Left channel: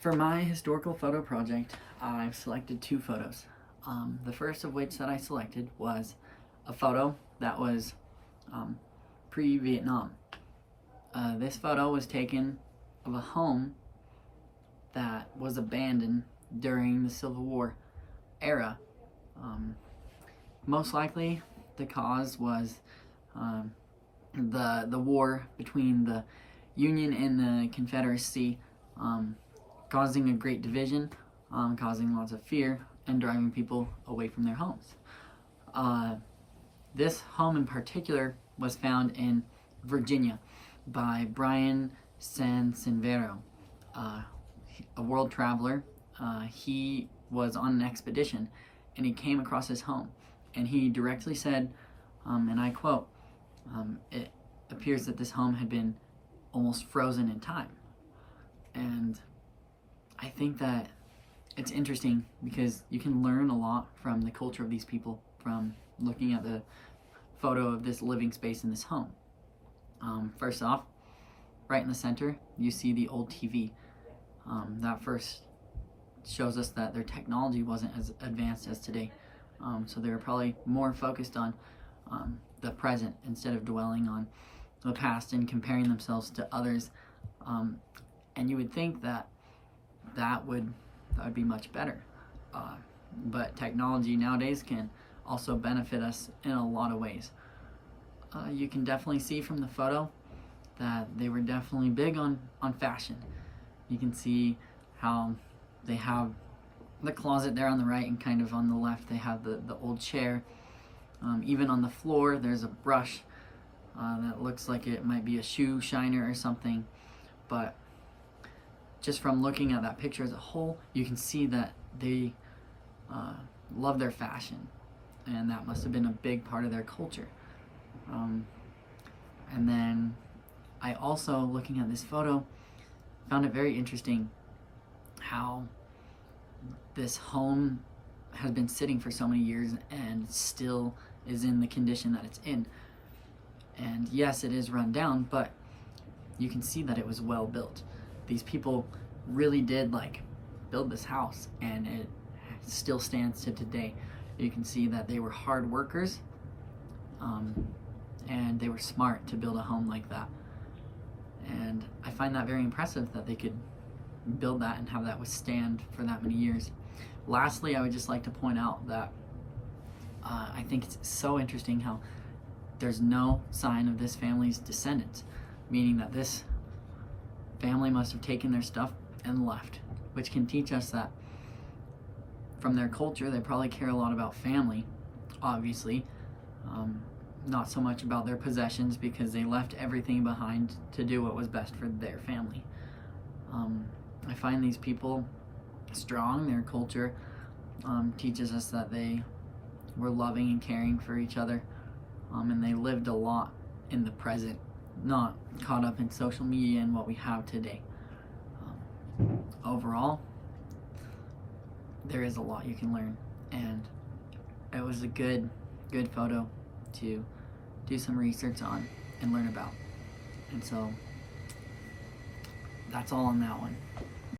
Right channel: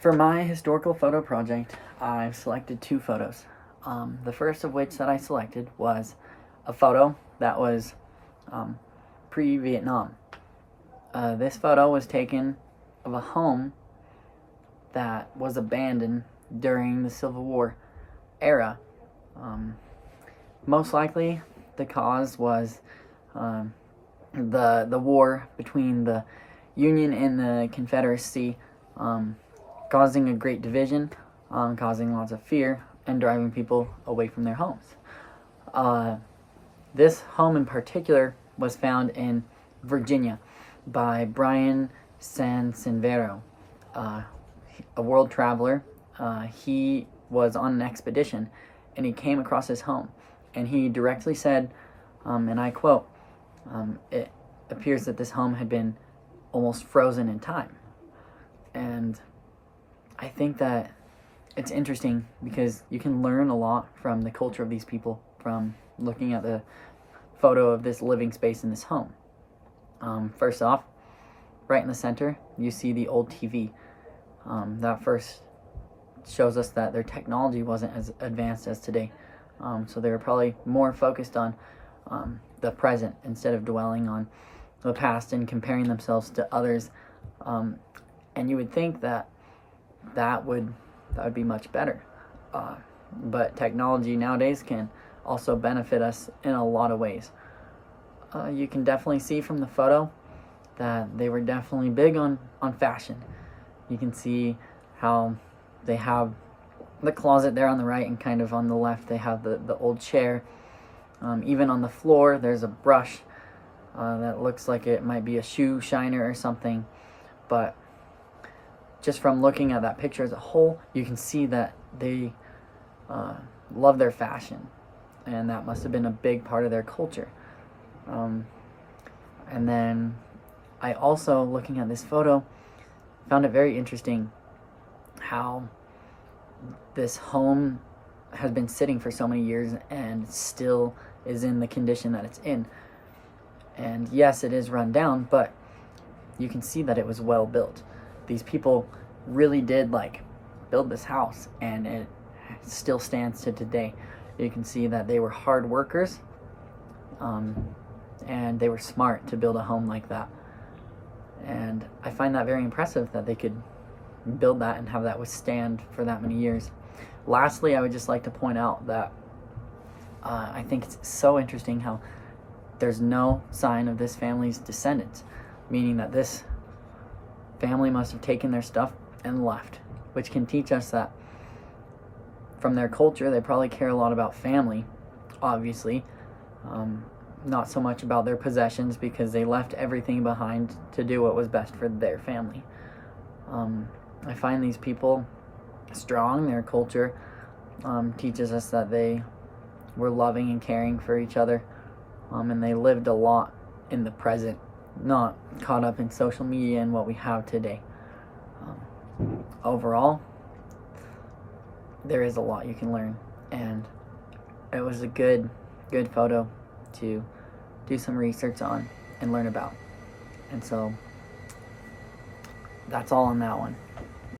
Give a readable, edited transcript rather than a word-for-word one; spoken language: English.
For my historical photo project, I've selected two photos. The first of which that I selected was a photo that was pre-Vietnam. This photo was taken of a home that was abandoned during the Civil War era. Most likely, the cause was the war between the Union and the Confederacy, causing a great division, causing lots of fear, and driving people away from their homes. This home in particular was found in Virginia by Brian Sanseverino, a world traveler. He was on an expedition and he came across his home, and he directly said, and I quote, "It appears that this home had been almost frozen in time." And I think that it's interesting because you can learn a lot from the culture of these people from looking at the photo of this living space in this home. First off, right in the center, you see the old TV. That first shows us that their technology wasn't as advanced as today. So they were probably more focused on the present instead of dwelling on the past and comparing themselves to others. And you would think that that would be much better. But technology nowadays can also benefit us in a lot of ways. You can definitely see from the photo that they were definitely big on fashion. You can see how they have the closet there on the right, and kind of on the left they have the old chair. Even on the floor there's a brush that looks like it might be a shoe shiner or something. But just from looking at that picture as a whole, you can see that they love their fashion, and that must have been a big part of their culture. And then I also, looking at this photo, found it very interesting how this home has been sitting for so many years and still is in the condition that it's in. And yes, it is run down, but you can see that it was well built. These people really did build this house, and it still stands to today. You can see that they were hard workers, and they were smart to build a home like that. And I find that very impressive that they could build that and have that withstand for that many years. Lastly, I would just like to point out that I think it's so interesting how there's no sign of this family's descendants, meaning that this family must have taken their stuff and left, which can teach us that from their culture they probably care a lot about family, obviously, not so much about their possessions, because they left everything behind to do what was best for their family. I find these people strong. Their culture teaches us that they were loving and caring for each other, and they lived a lot in the present, not caught up in social media and what we have today. Overall, there is a lot you can learn, and it was a good photo to do some research on and learn about. And so that's all on that one.